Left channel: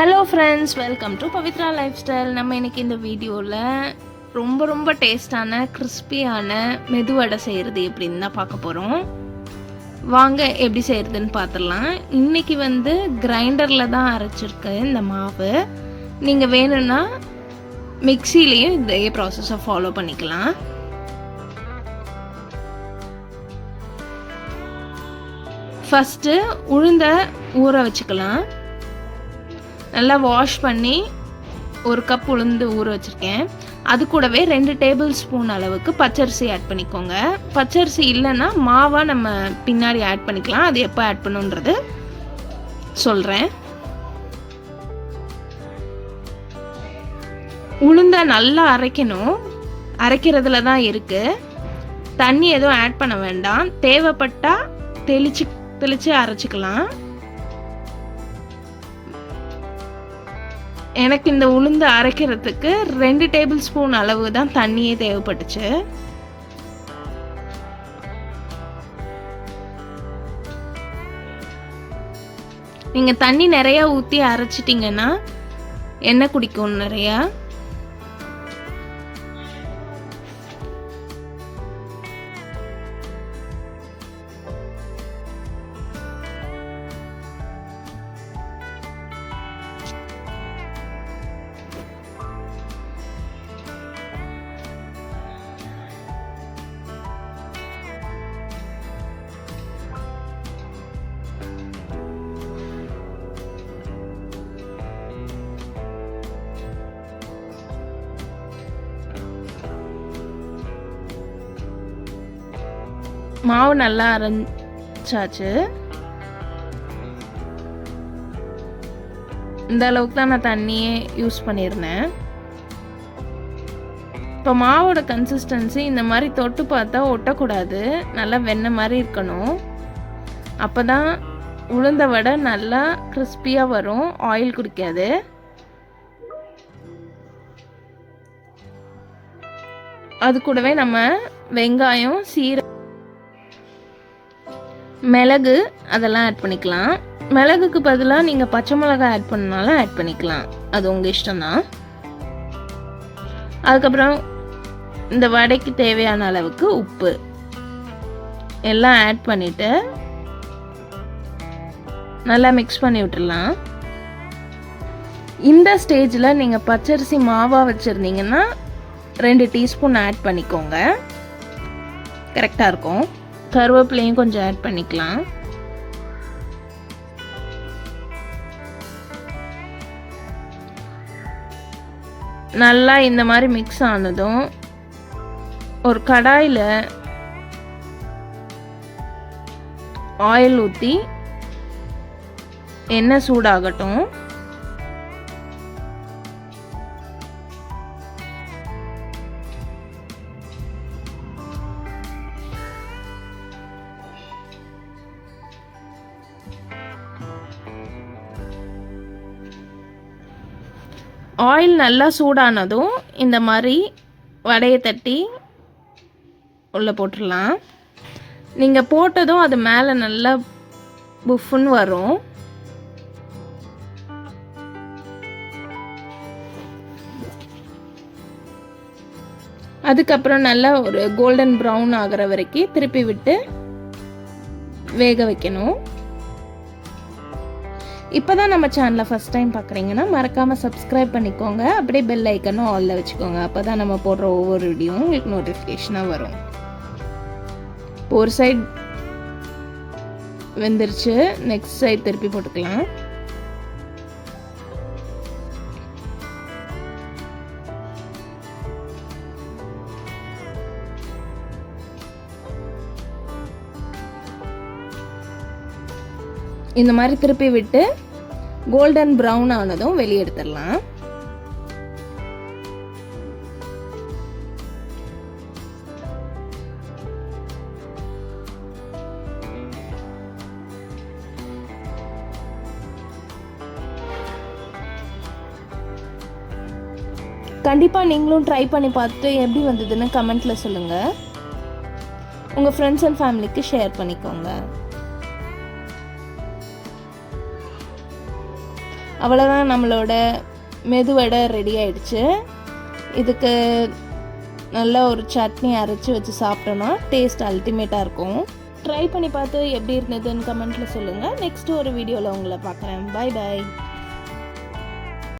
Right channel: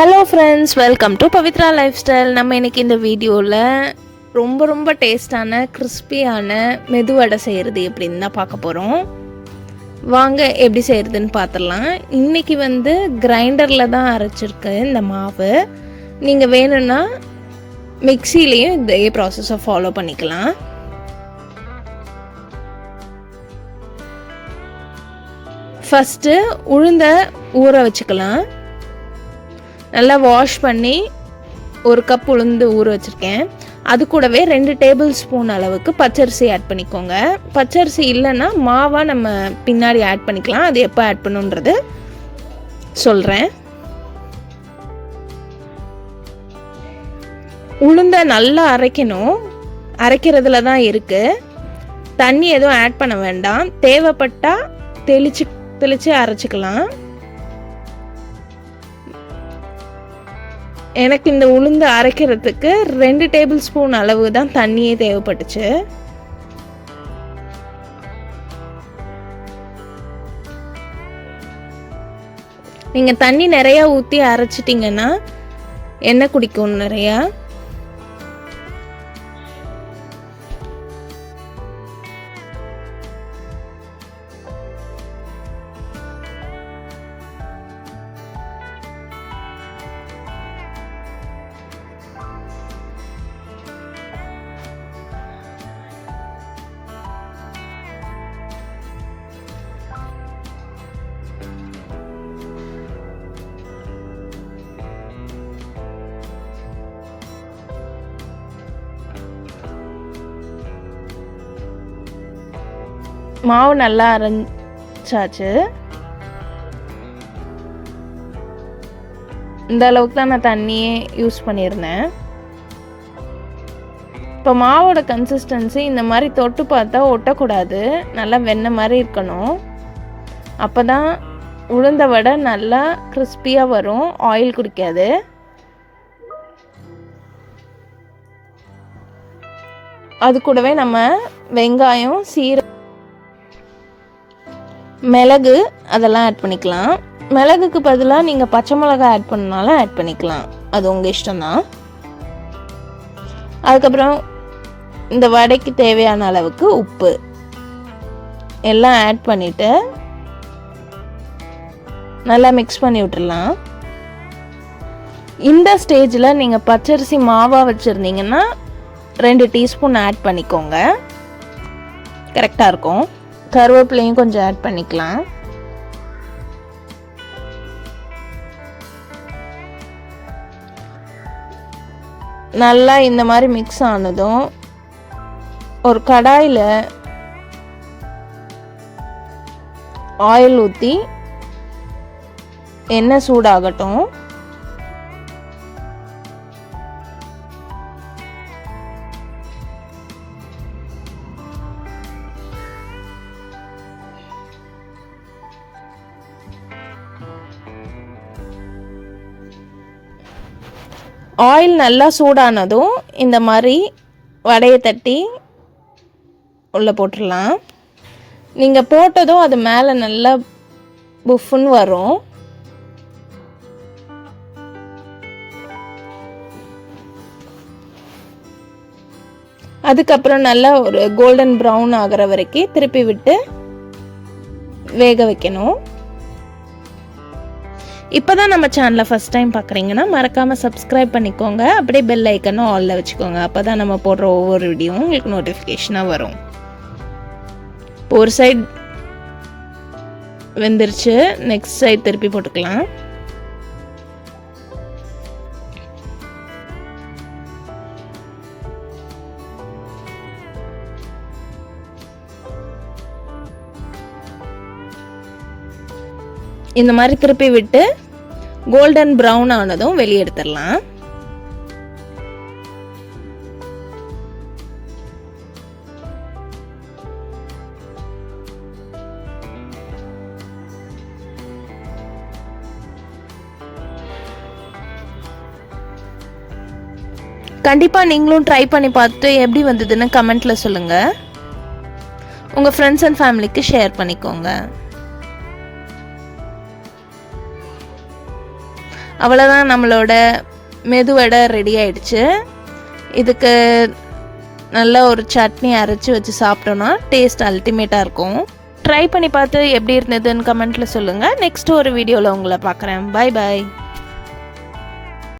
Hello friends, welcome to Pavithra life style. நம்ம இன்றைக்கி இந்த வீடியோவில் ரொம்ப டேஸ்டான கிறிஸ்பியான மெதுவடை செய்கிறது எப்படின்னு தான் பார்க்க போகிறோம். வாங்க எப்படி செய்கிறதுன்னு பார்த்துடலாம். இன்றைக்கி கிரைண்டரில் தான் அரைச்சிருக்கேன் இந்த மாவு. நீங்கள் வேணும்னா மிக்சிலையும் இதே ப்ராசஸை ஃபாலோ பண்ணிக்கலாம். ஃபஸ்ட்டு உளுந்தை ஊற வச்சுக்கலாம். நல்லா வாஷ் பண்ணி ஒரு கப் உளுந்து ஊற வச்சுருக்கேன். அது கூடவே 2 டேபிள் ஸ்பூன் அளவுக்கு பச்சரிசி ஆட் பண்ணிக்கோங்க. பச்சரிசி இல்லைன்னா மாவாக நம்ம பின்னாடி ஆட் பண்ணிக்கலாம். அது எப்போ ஆட் பண்ணுன்றது சொல்கிறேன். உளுந்தை நல்லா அரைக்கணும். அரைக்கிறதுல தான் இருக்குது. தண்ணி எதுவும் ஆட் பண்ண வேண்டாம். தேவைப்பட்டால் தெளித்து அரைச்சிக்கலாம். எனக்கு இந்த உளுந்து அரைக்கிறதுக்கு 2 டேபிள் ஸ்பூன் அளவு தான் தண்ணியே தேவைப்பட்டுச்சு. நீங்கள் தண்ணி நிறையா ஊற்றி அரைச்சிட்டிங்கன்னா எண்ணெய் குடிக்கும் நிறையா. மாவு நல்லா அரைச்சாச்சு. இந்த அளவுக்கு தான் நான் தண்ணியே யூஸ் பண்ணியிருந்தேன். இப்போ மாவோட கன்சிஸ்டன்சி இந்த மாதிரி தொட்டு பார்த்தா ஒட்டக்கூடாது. நல்லா வெண்ணெய் மாதிரி இருக்கணும். அப்போ தான் உளுந்த வடை நல்லா கிறிஸ்பியாக வரும், ஆயில் குடிக்காது. அது கூடவே நம்ம வெங்காயம், சீரகம், மிளகு அதெல்லாம் ஆட் பண்ணிக்கலாம். மிளகுக்கு பதிலாக நீங்கள் பச்சை மிளகாய் ஆட் பண்ணாலும் ஆட் பண்ணிக்கலாம். அது உங்கள் இஷ்டம்தான். அதுக்கப்புறம் இந்த வடைக்கு தேவையான அளவுக்கு உப்பு எல்லாம் ஆட் பண்ணிவிட்டு நல்லா மிக்ஸ் பண்ணி விட்டுடலாம். இந்த ஸ்டேஜில் நீங்கள் பச்சரிசி மாவாக வச்சுருந்தீங்கன்னா 2 டீஸ்பூன் ஆட் பண்ணிக்கோங்க, கரெக்டாக இருக்கும். கருவேப்பிலையும் கொஞ்சம் ஆட் பண்ணிக்கலாம். நல்லா இந்த மாதிரி மிக்ஸ் ஆனதும் ஒரு கடாயில் ஆயில் ஊற்றி எண்ணெய் சூடாகட்டும். ஆயில் நல்லா சூடானதும் இந்த மாதிரி வடையை தட்டி உள்ளே போட்டுடலாம். நீங்கள் போட்டதும் அது மேலே நல்லா புஃப்னு வரும். அதுக்கப்புறம் நல்லா ஒரு கோல்டன் ப்ரௌன் ஆகிற வரைக்கும் திருப்பி விட்டு வேக வைக்கணும். இப்போ தான் நம்ம சேனலை ஃபஸ்ட் டைம் பார்க்குறீங்கன்னா மறக்காமல் சப்ஸ்கிரைப் பண்ணிக்கோங்க. அப்படியே பெல் ஐக்கனும் ஆலில் வச்சுக்கோங்க. அப்போ தான் நம்ம போடுற ஒவ்வொரு வீடியோவும் உங்களுக்கு நோட்டிஃபிகேஷனாக வரும். ஒரு சைடு வெந்துருச்சு, நெக்ஸ்ட் சைடு திருப்பி போட்டுக்கலாம். இந்த மாதிரி திருப்பி விட்டு கோல்டன் ப்ரௌன் ஆனதும் வெளியே எடுத்துடலாம். கண்டிப்பாக நீங்களும் ட்ரை பண்ணி பார்த்துட்டு எப்படி வந்ததுன்னு கமெண்ட்டில் சொல்லுங்கள். உங்கள் ஃப்ரெண்ட்ஸ் அண்ட் ஃபேமிலிக்கு ஷேர் பண்ணிக்கோங்க. அவ்வளோதான், நம்மளோட மெதுவடை ரெடி ஆயிடுச்சு. இதுக்கு நல்ல ஒரு சட்னி அரைச்சி வச்சு சாப்பிட்டோன்னா டேஸ்ட் அல்டிமேட்டாக இருக்கும். ட்ரை பண்ணி பார்த்து எப்படி இருந்ததுன்னு கமெண்ட்டில் சொல்லுங்கள். நெக்ஸ்ட் ஒரு வீடியோவில் உங்களை பார்க்குறேன். Bye bye.